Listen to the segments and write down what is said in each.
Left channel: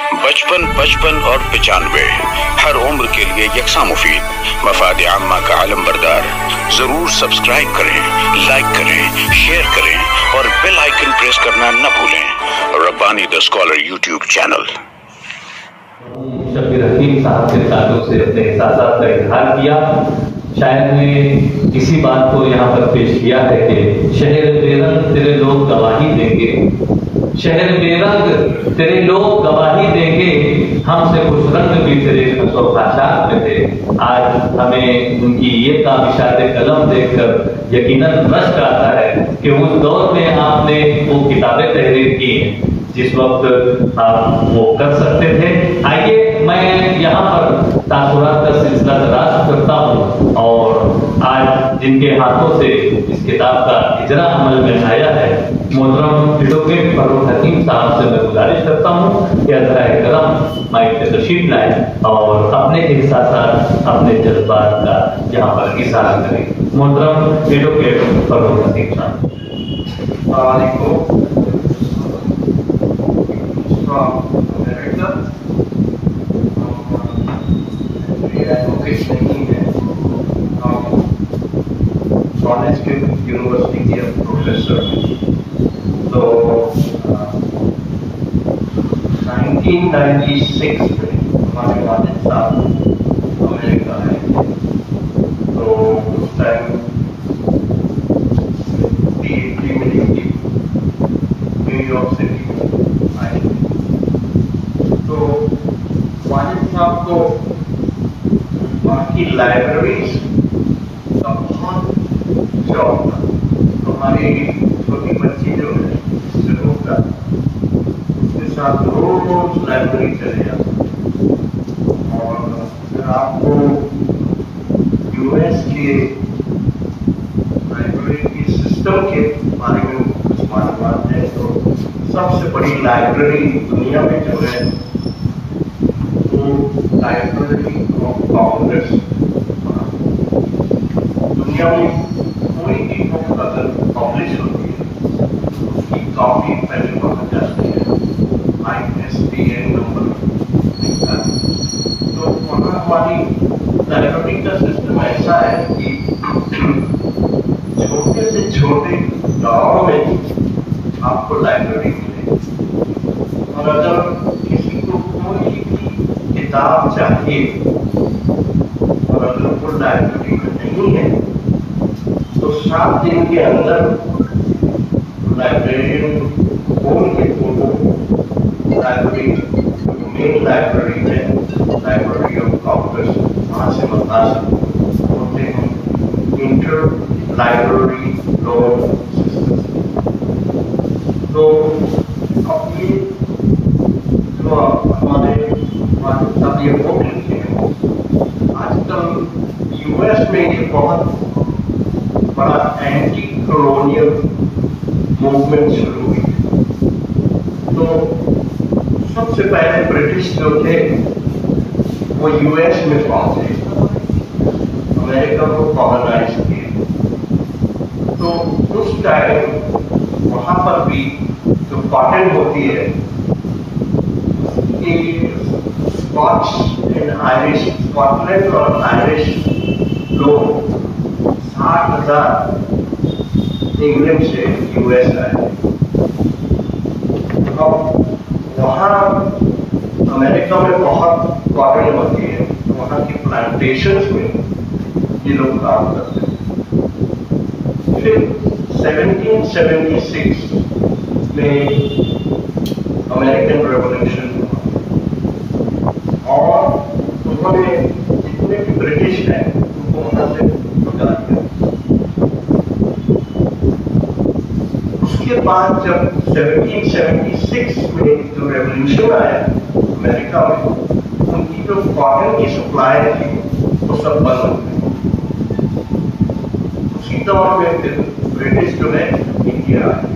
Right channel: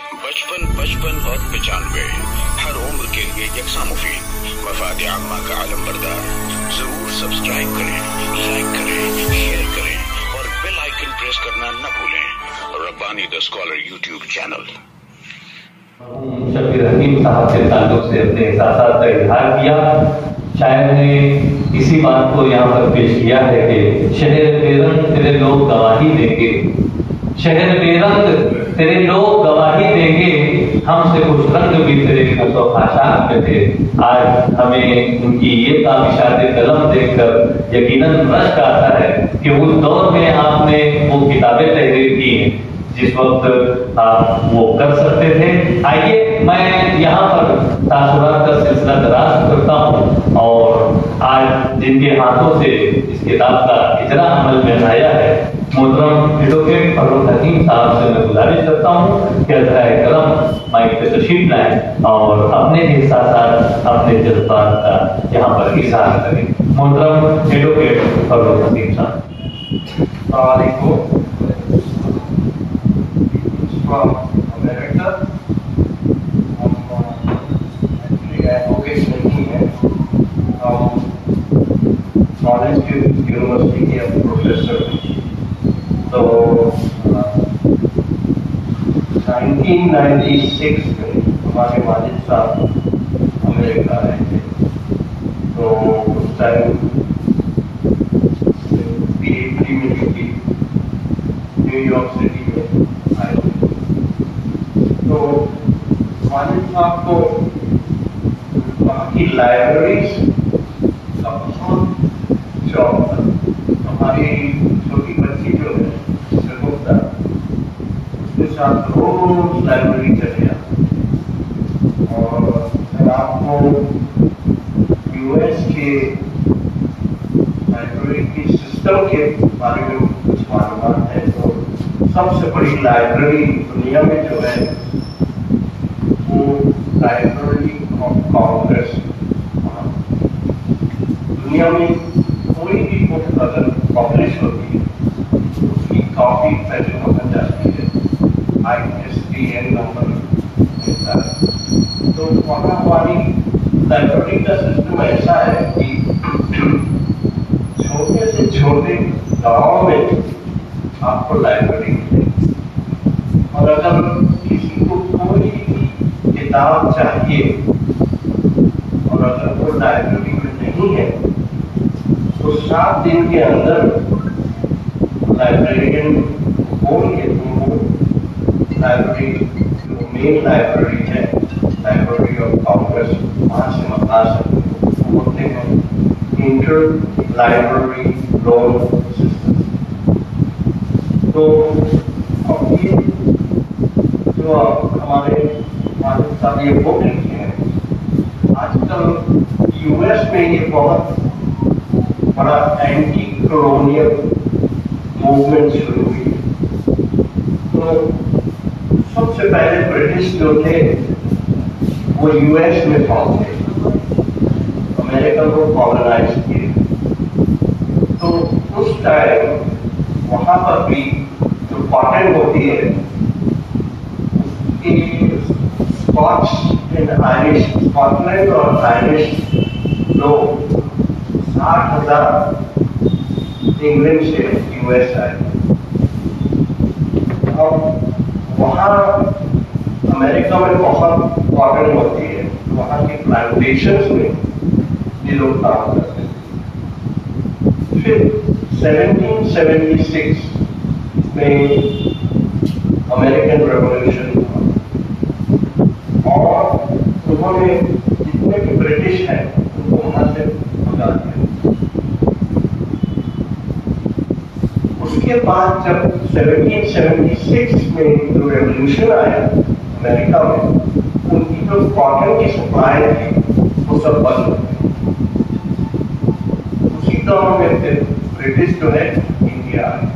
55 55 और 95 हर उम्र के लिए यकसा मुफीद, मफाद आम्मा का आलम बरदार। जरूर सब्सक्राइब करें, लाइक करें, शेयर करें और बेल आइकन प्रेस करना न भूलें। Rabbani the scholar YouTube channel. Shabbir Hakeem साहब के ताल्लुक से अपने एहसासात का इजहार किया। शायर ने इसी बात को यहाँ पर पेश किया है कि शहर बेरंग तेरे लोग गवाही देंगे, शहर बेरंग तेरे लोग गवाही देंगे, हमसे कुछ रंग भी तेरे खाशात में थे। आज हमें उनकी ये काबिशात कलम देखकर यकीनन रश्क आता है कि उस दौर में आपने वो किताबें तहरीर की हैं जिस वक्त आप वो कर सकते थे। आइए मैं यहाँ पर तासुरात का सिलसिला दराज करता हूँ और आज जिनके हाथों से इस किताब का इजरा अमल में आया है, मोहतरम एडवोकेट फरूक हकीम साहब से मैं गुजारिश करता हूँ कि अज़राए करम माइक पे तशरीफ लाएं और अपने एहसासात, अपने जज्बात का यहाँ पर इज़हार करें। मोहतरम एडवोकेट फरूक हकीम साहब। America, एडवोकेट नहीं है, हम कॉलेज के यूनिवर्सिटी के प्रोफेसर। तो 1996 में हमारे वालिद साहब अमेरिका आए थे। तो उस टाइम PhD में ड्यूटी न्यूयॉर्क सिटी में आए थे। तो वालिद साहब को वहाँ की लाइब्रेरीज का बहुत शौक था। हमारी छोटी बच्ची जो है शगुफ्ता, उसके साथ रोज लाइब्रेरी चले जाते। और अगर आपको यूएस के लाइब्रेरी की सिस्टम के बारे में कुछ मालूमात है तो सबसे बड़ी लाइब्रेरी दुनिया में जो है वो लाइब्रेरी ऑफ कांग्रेस। दुनिया में कोई भी बुक अगर पब्लिश होती है उसकी कॉपी पहले वहाँ जाती है, ISBN नंबर मिलता है। तो वहाँ हमारी लाइब्रेरी का सिस्टम ऐसा है कि छोटे से छोटे गाँव में आपको लाइब्रेरी मिलेगी। और अगर किसी को कोई भी किताब चाहिए और अगर वो लाइब्रेरी में नहीं है तो 7 दिन के अंदर लाइब्रेरियन बोल के तुमको लाइब्रेरी जो मेन लाइब्रेरी है, लाइब्रेरी ऑफ कांग्रेस, वहाँ से मंगा सकते होते हैं इंटर लाइब्रेरी लोन सिस्टम। तो अब ये जो हमारे साथ ये बुक लिखे हैं, आजकल यूएस में ये बहुत बड़ा एंटी कॉलोनियल मूवमेंट शुरू हुई है। तो सबसे पहले ब्रिटिश जो थे वो यूएस में पहुंचे, अमेरिका को कॉलोनाइज किए। तो उस टाइम वहां पर भी जो कॉटन होती है, स्कॉटलैंड और आयरिश लोग 60,000 इंग्लैंड से यूएस आए। अब वहाँ अमेरिका में बहुत कॉटन होती है, वहाँ की प्लांटेशंस में ये लोग काम करते हैं। फिर 1776 में अमेरिकन रेवोल्यूशन और उन्होंने जितने भी ब्रिटिश हैं उनको वहां से भगा दिया। उसके बाद जब 1776 में जो रेवोल्यूशन आया अमेरिका में, उनकी जो कॉटन की सप्लाई थी वो सब बंद हो गई। उसी दौर में फिर ब्रिटिश जो है इंडिया आए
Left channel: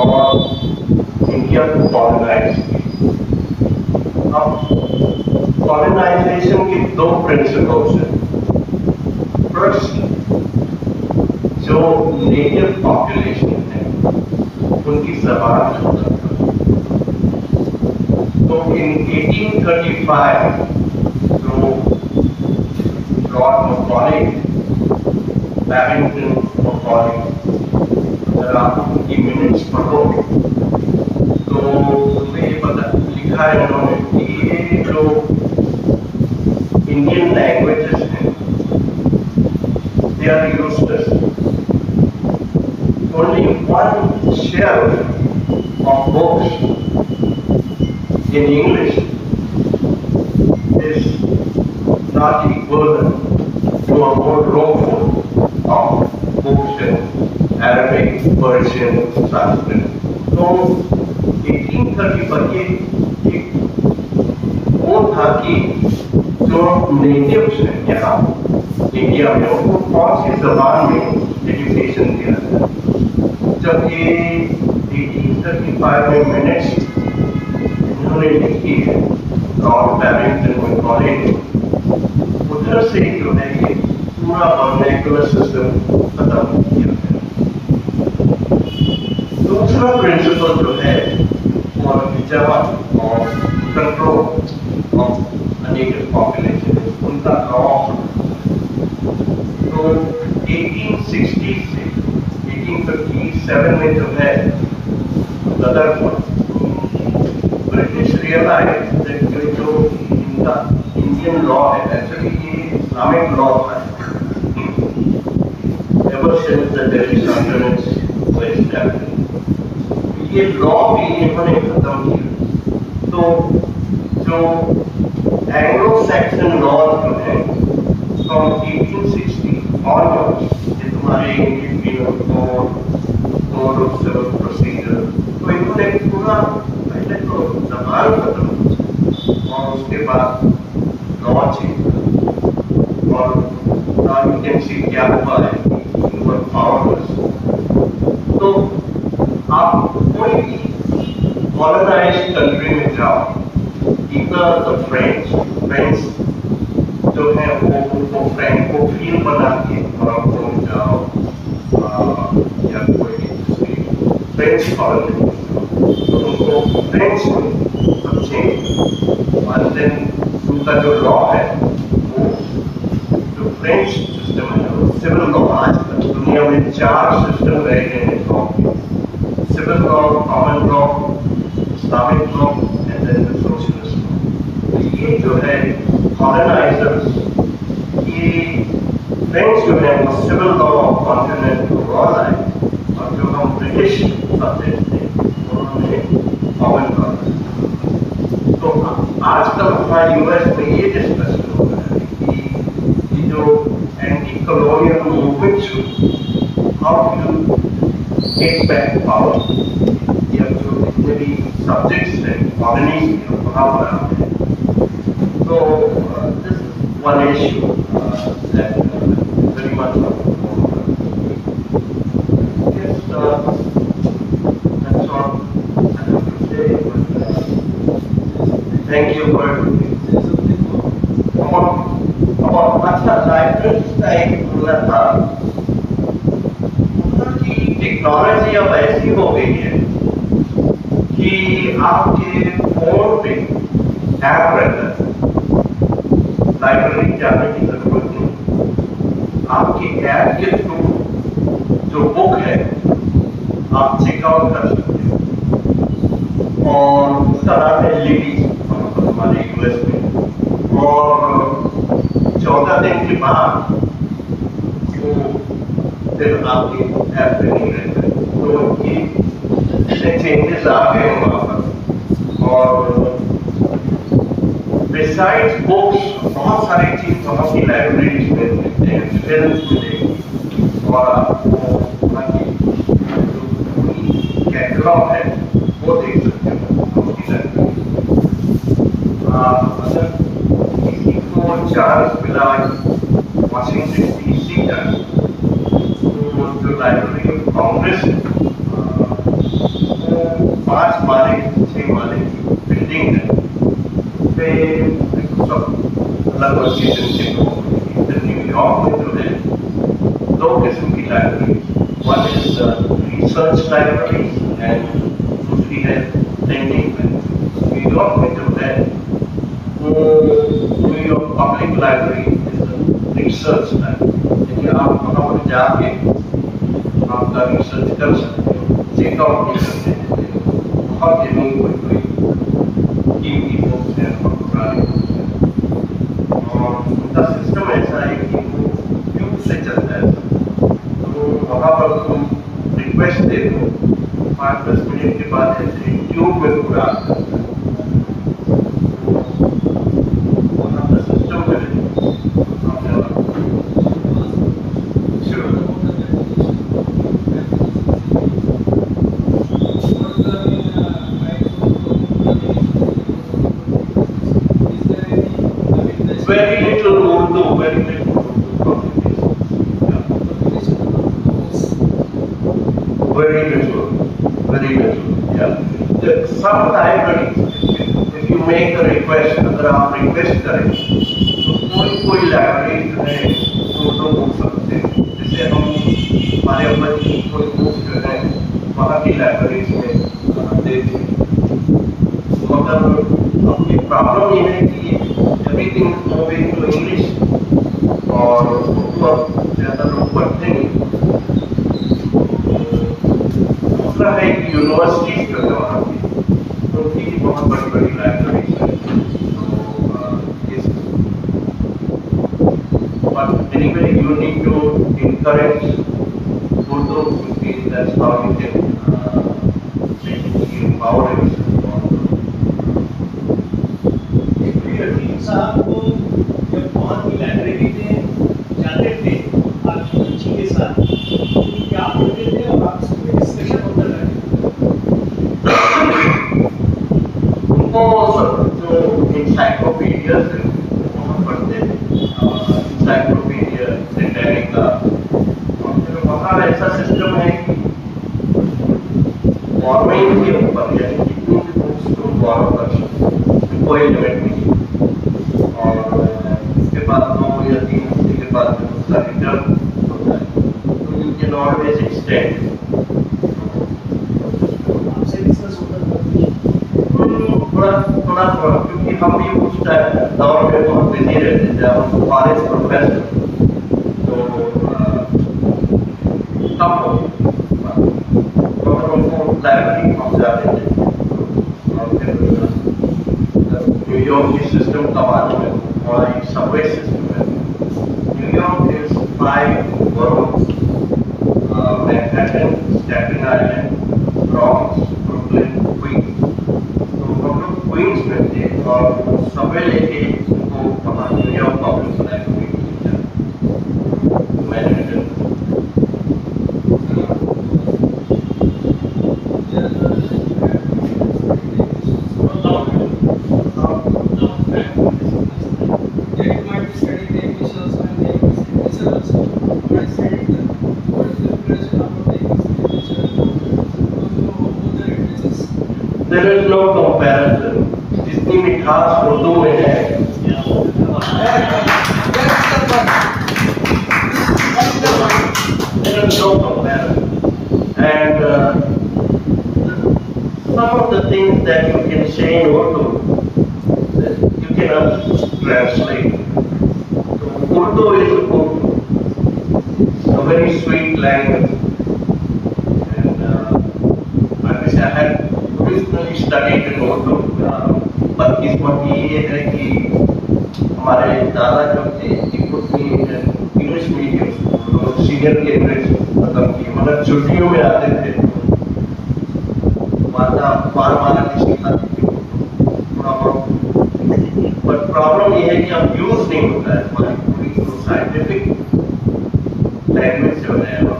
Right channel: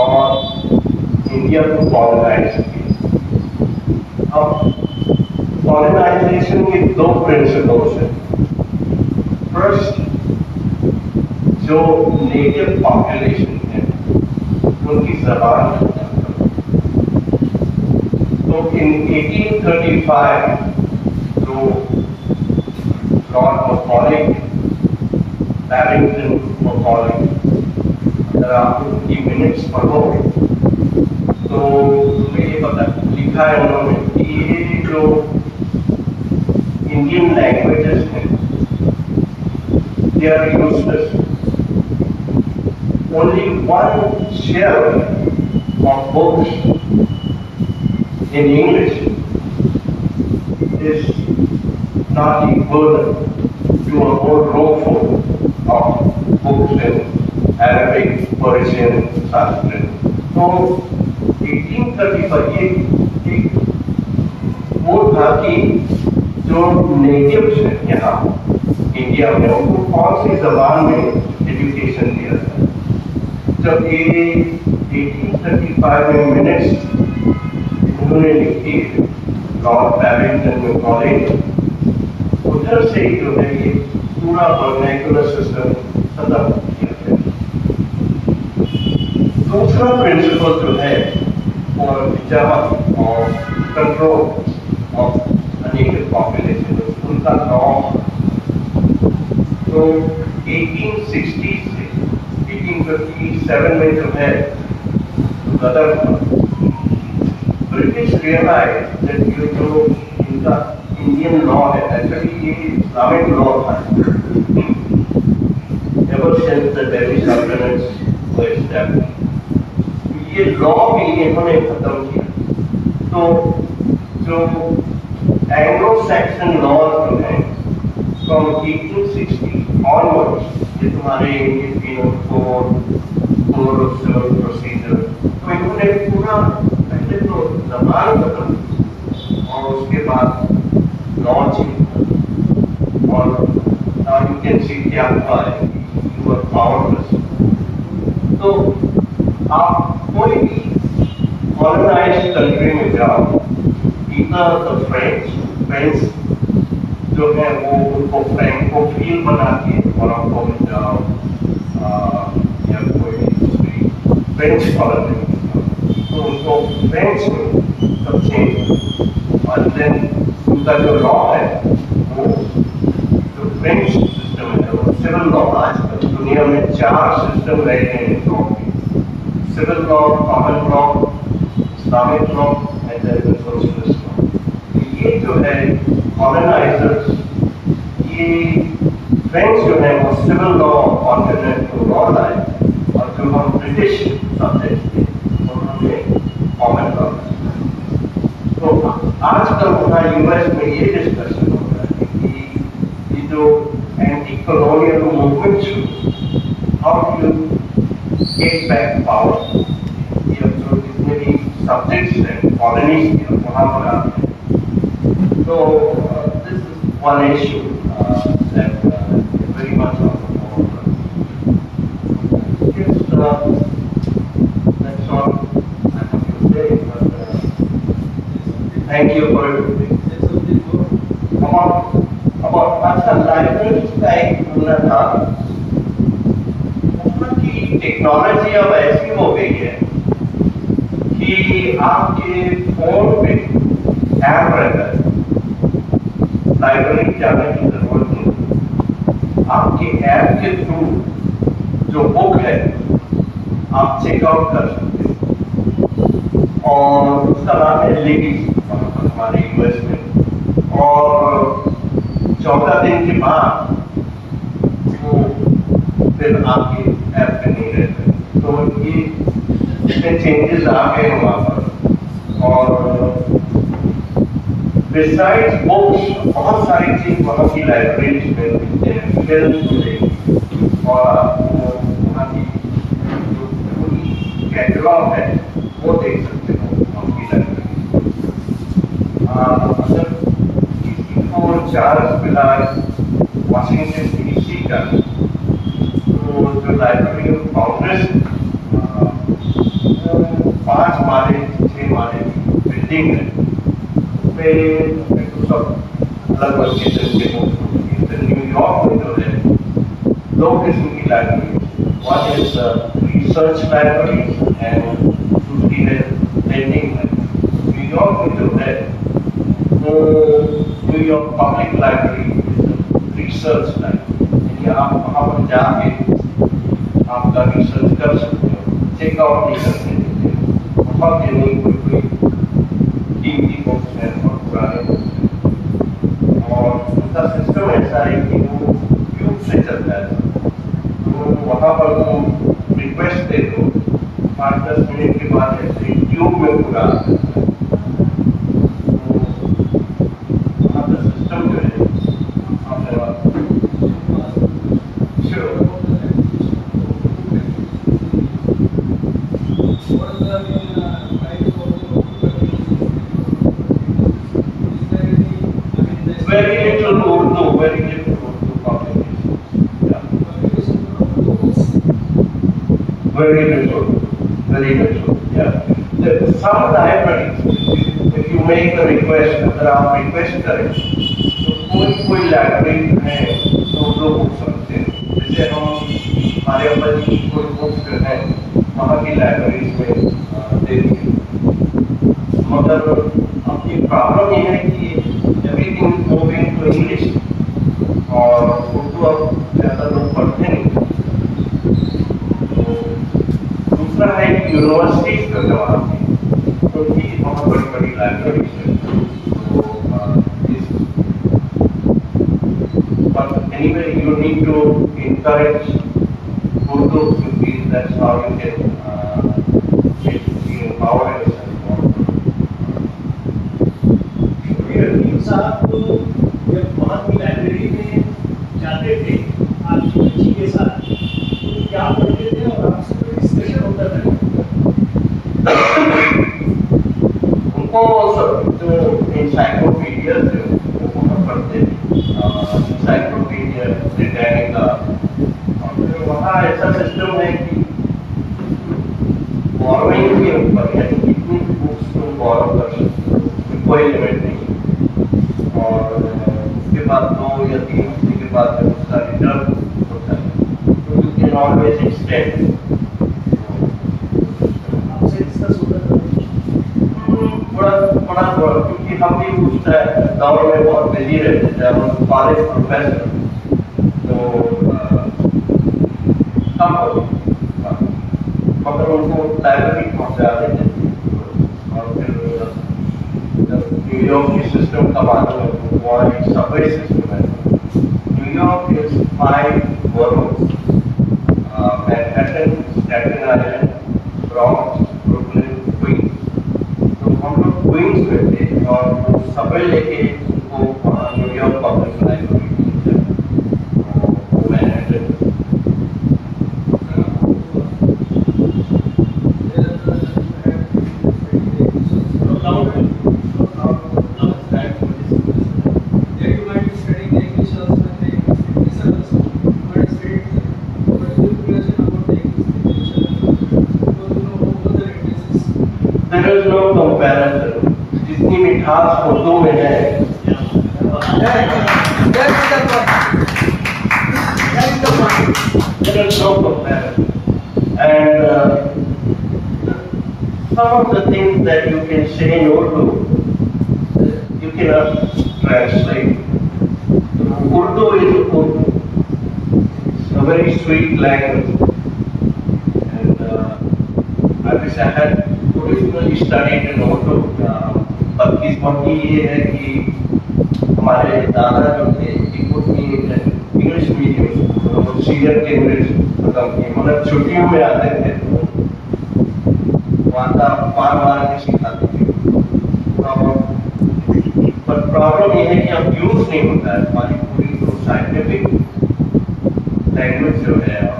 और इंडिया को कॉलोनाइज किया। अब कॉलोनाइजेशन के 2 प्रिंसिपल्स हैं। फर्स्ट, जो नेटिव पॉपुलेशन है उनकी जबान खत्म कर, So in 1835, जो Lord Macaulay, Barrington Macaulay, अगर आप उनकी मिनट्स पढ़ो तो तुम्हें ये पता लिखा है उन्होंने कि ये जो इंडियन लैंग्वेजेस हैं, they are useless. Only one shelf of books in English is not equivalent to a whole room full of books in Arabic, Persian, Sanskrit. So 1830 पर ये एक वो था कि जो नेटिव्स हैं यहाँ इंडिया में उनको कौन सी जबान में एजुकेशन दिया था। जब ये 1835 में मिनट्स उन्होंने लिखी है लॉर्ड बैरिंगटन मैकॉले, उधर से जो है ये पूरा वर्नैक्युलर सिस्टम खत्म किया है। दूसरा प्रिंसिपल जो है फॉर जमा और कंट्रोल ऑफ नेटिव पॉपुलेशन उनका लॉ, तो 1860 से 1857 में जो है गदर ब्रिटिश रियलाइज दैट ये जो इनका इंडियन लॉ है एक्चुअली ये इस्लामिक लॉ था ever since the Delhi sultanates were established. ये लॉ भी इन्होंने खत्म किया। तो जो एंग्लो सैक्सन लॉ जो है फ्रॉम 1860 ऑनवर्ड्स, ये तुम्हारे Indian Penal Code, Code of Civil Procedure, तो इन्होंने पूरा पहले तो जबान खत्म और उसके बाद लॉ चेंज और यू कैन सी क्या हुआ है पावरलेस। तो आप कोई भी कॉलोनाइज्ड कंट्री में जाओ, इतना द फ्रेंच जो है वो उनको फ्रैंकोफिल बना के मोरक्को में जाओ या कोई दूसरी फ्रेंच कॉलोनी तो उनको फ्रेंच में सब चेंज और देन उनका जो लॉ है वो जो फ्रेंच सिस्टम है वो सिविल लॉ। आज तक दुनिया में 4 सिस्टम रहे हैं लॉ के, civil law, common law, Islamic law and then the socialist law. तो ये जो है कॉलोनाइजर्स, ये फ्रेंच जो है वो सिविल लॉ कॉन्टिनेंटल लॉ लाए और जो हम ब्रिटिश सब्जेक्ट थे उन्होंने कॉमन लॉ। तो आजकल हमारा यूएस में ये डिस्कशन हो रहा है कि ये जो anti colonial movement how you get back power, या जो जितने भी सब्जेक्ट्स हैं कॉलोनीज के वहाँ पर आते हैं। So this is one issue that very much of yes, that's all I have to say. But thank you for about अच्छा लाइब्रेरी का एक बोलना था कि टेक्नोलॉजी अब ऐसी हो गई है कि आपके फोन पे ऐप रहता है, लाइब्रेरी जाने की जरूरत नहीं। आपके ऐप के थ्रू जो बुक है आप चेकआउट कर सकते हैं और उसका नाम है लिबी हमारे यूएस में। और 14 दिन के बाद वो फिर आपके ऐप पे नहीं रहते, तो ये चेंजेस आ गए हैं वहाँ पर। और बिसाइड्स बुक्स बहुत सारी चीज वहाँ की लाइब्रेरीज में मिलते हैं, फिल्म मिलेगी और वहाँ की कैटलॉग है वो देख सकते हो उनकी लाइब्रेरी। अगर किसी को चार्ल्स मिला वाशिंगटन डीसी का, तो जो लाइब्रेरी ऑफ कांग्रेस 5 माले 6 माले की बिल्डिंग है, सब अलग लोकेशन से हो। न्यूयॉर्क में जो है 2 किस्म की library, one is research library and दूसरी है लेंडिंग लाइब्रेरी। न्यूयॉर्क में जो है वो New York public library research library, आप वहाँ पर जाके आपका रिसर्च कर सकते हो, चेकआउट नहीं करते हैं, बहुत नहीं कोई कीमती बुक्स हैं और पुराने बुक्स हैं, और उनका सिस्टम ऐसा है कि वो ट्यूब से चलता है, तो वहाँ पर तुम रिक्वेस्ट दे दो, 5-10 मिनट के बाद ऐसे ट्यूब में पूरा वहाँ का सिस्टम जो है very little Urdu, very little very little, yeah. Some libraries, if you make a request, अगर आप request करें, तो कोई लाइब्रेरी है उर्दू बुक सकते हैं, जैसे हम हमारे ऊपर की कोई बुक जो है वहाँ की लाइब्रेरीज में दे देंगे, मगर अब ये प्रॉब्लम ये है कि everything moving to English और उर्दू अब ज़्यादा लोग पढ़ते नहीं। दूसरा है यूनिवर्सिटीज जो है वहाँ की, उनकी बहुत बड़ी बड़ी लाइब्रेरीज हैं, but anyway you need to encourage Urdu because that's how you can basically empower yourself. साहब को जब वहाँ की लाइब्रेरी में जाते थे आपकी बच्ची के साथ, तो क्या पढ़ते थे और आपसे कोई डिस्कशन होता था? उनको जो इंसाइक्लोपीडिया थे वहाँ पढ़ते थे, इंसाइक्लोपीडिया ब्रिटानिका, वहाँ ऐसा सिस्टम है कि बोरोइंग के ऊपर यानी कितनी भी बुक्स तुम बोरो कर सकते हो, कोई लिमिट नहीं, और उसके बाद 2 या 3 हफ्ते के बाद जब उसका रिटर्न होता है तो यू कैन ऑलवेज एक्सटेंड। आपसे डिस्कस होता था थोड़ा क्योंकि हम भी उस दौर में बहुत बिजी रहते थे, हम कॉलेज प्रोफेसर, तो कम हो मगर उनको लाइब्रेरी पहुँचाते थे, और फिर न्यूयॉर्क की सिस्टम का मालूम है, हमारी सबवे सिस्टम है। New York is 5 boroughs, Manhattan, Staten Island, Bronx, Brooklyn, Queens, तो हम लोग क्वींस में थे और सबवे लेके उनको वहाँ New York public library Manhattan. There is no comparison. जितनी मिठास उर्दू में है, there is no comparison. And some of the things that you can say in Urdu, you cannot translate. Urdu is Urdu. It's a very sweet language. And I wish I had originally studied in Urdu, but किस्मती ये है कि हमारे दादा जो थे English medium senior Cambridge मतलब कि मतलब छुट्टियों में आते थे, वहाँ बार नहीं सिखाते थे, बट प्रॉब्लम ये है कि अब यूज नहीं होता है, हमारी पूरी साइंटिफिक लैंग्वेज जो है और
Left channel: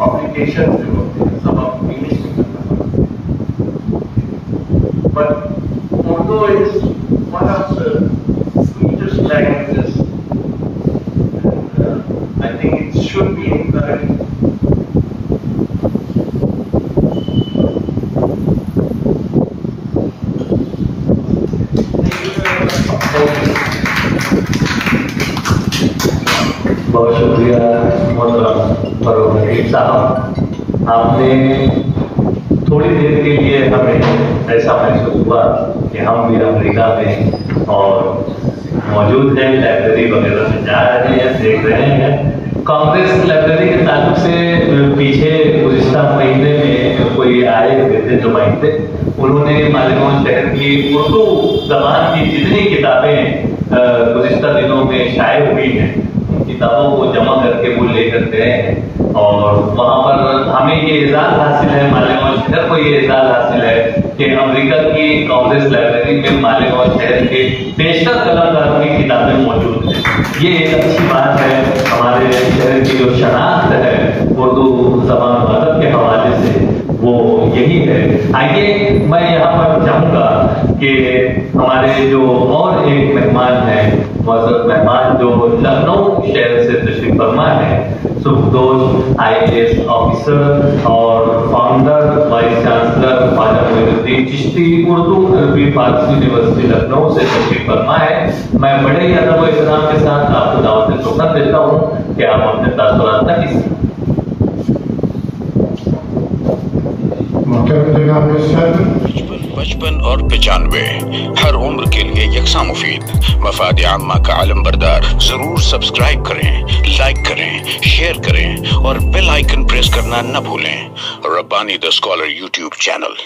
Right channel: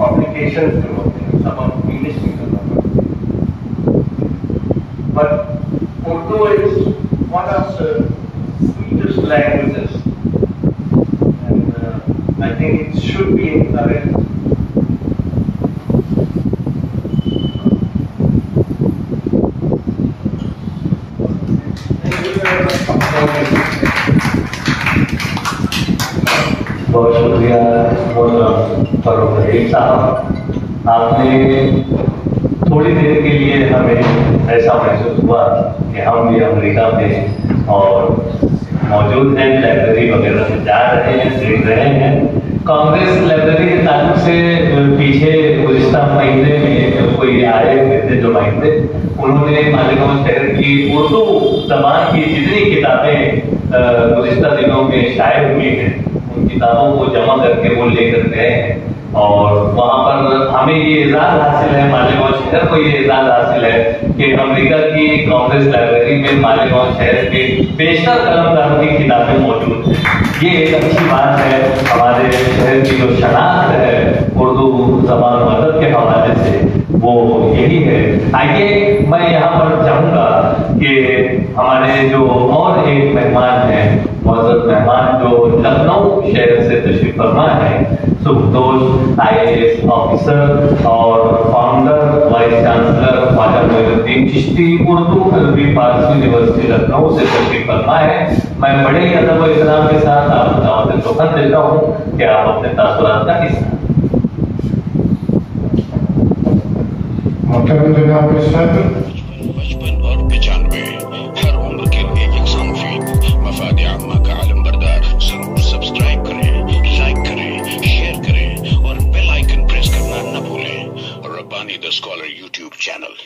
पब्लिकेशन जो होते हैं सब अब इंग्लिश में करना पड़ता है। But Urdu is one of the sweetest languages, and I think it should be encouraged. बहुत शुक्रिया फरूक साहब, आपने थोड़ी देर के लिए हमें ऐसा महसूस हुआ कि हम भी अमेरिका में और मौजूद हैं, लाइब्रेरी वगैरह में जा रहे हैं, देख रहे हैं। कांग्रेस लाइब्रेरी के ताल्लुक से पीछे गुज़िश्ता महीने में कोई आए थे नुमाइंदे, उन्होंने मालेगांव शहर की उर्दू ज़बान की जितनी किताबें गुज़िश्ता दिनों में शाये हुई हैं, उन किताबों को जमा करके वो लेकर गए हैं। और वहाँ पर हमें ये एजाज़ हासिल है, मालेगांव शहर को ये एजाज़ हासिल है कि अमेरिका की कांग्रेस लाइब्रेरी में मालेगांव शहर के बेशतर कलमकारों की किताबें मौजूद हैं। ये एक अच्छी बात है, हमारे शहर की जो शनाख्त है उर्दू ज़बान मदद के हवाले से वो यही है। आइए मैं यहाँ पर चाहूँगा कि हमारे जो और एक मेहमान हैं, मौजूद मेहमान जो लखनऊ शहर से तशरीफ फरमा है, सुखदोष IAS ऑफिसर और founder vice chancellor Khwaja Moinuddin Chishti Urdu Arabi Farsi university Lucknow से तशरीफ फरमा है। मैं बड़े ही अदब व एहतराम के साथ आपको दावत सुखन देता हूँ कि आप अपने तासुरात का हिस्सा। बचपन और 95 हर उम्र के लिए यकसा मुफीद। मफाद आम्मा का आलम बरदार। जरूर सब्सक्राइब करें, लाइक करें, शेयर करें और बेल आइकन प्रेस करना न भूलें। Rabbani the scholar YouTube channel.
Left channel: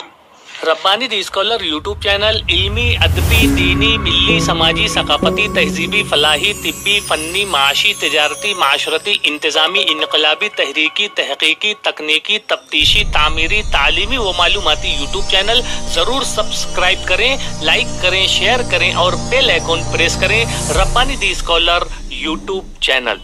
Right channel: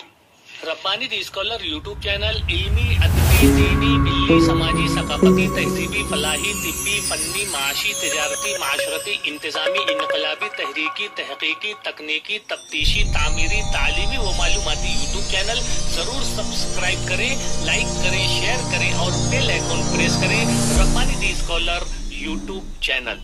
Rabbani the scholar YouTube channel इल्मी, अदबी, दीनी, मिल्ली, समाजी, सकाफती, तहजीबी, फलाही, तिब्बी, फन्नी, माशी, तिजारती, माशरती, इंतजामी, इनकलाबी, तहरीकी, तहकीकी, तकनीकी, तफ्तीशी, तामीरी, तालीमी व मालूमाती यूट्यूब चैनल जरूर सब्सक्राइब करें, लाइक करें, शेयर करें और बेल आइकन प्रेस करें। Rabbani the scholar YouTube channel.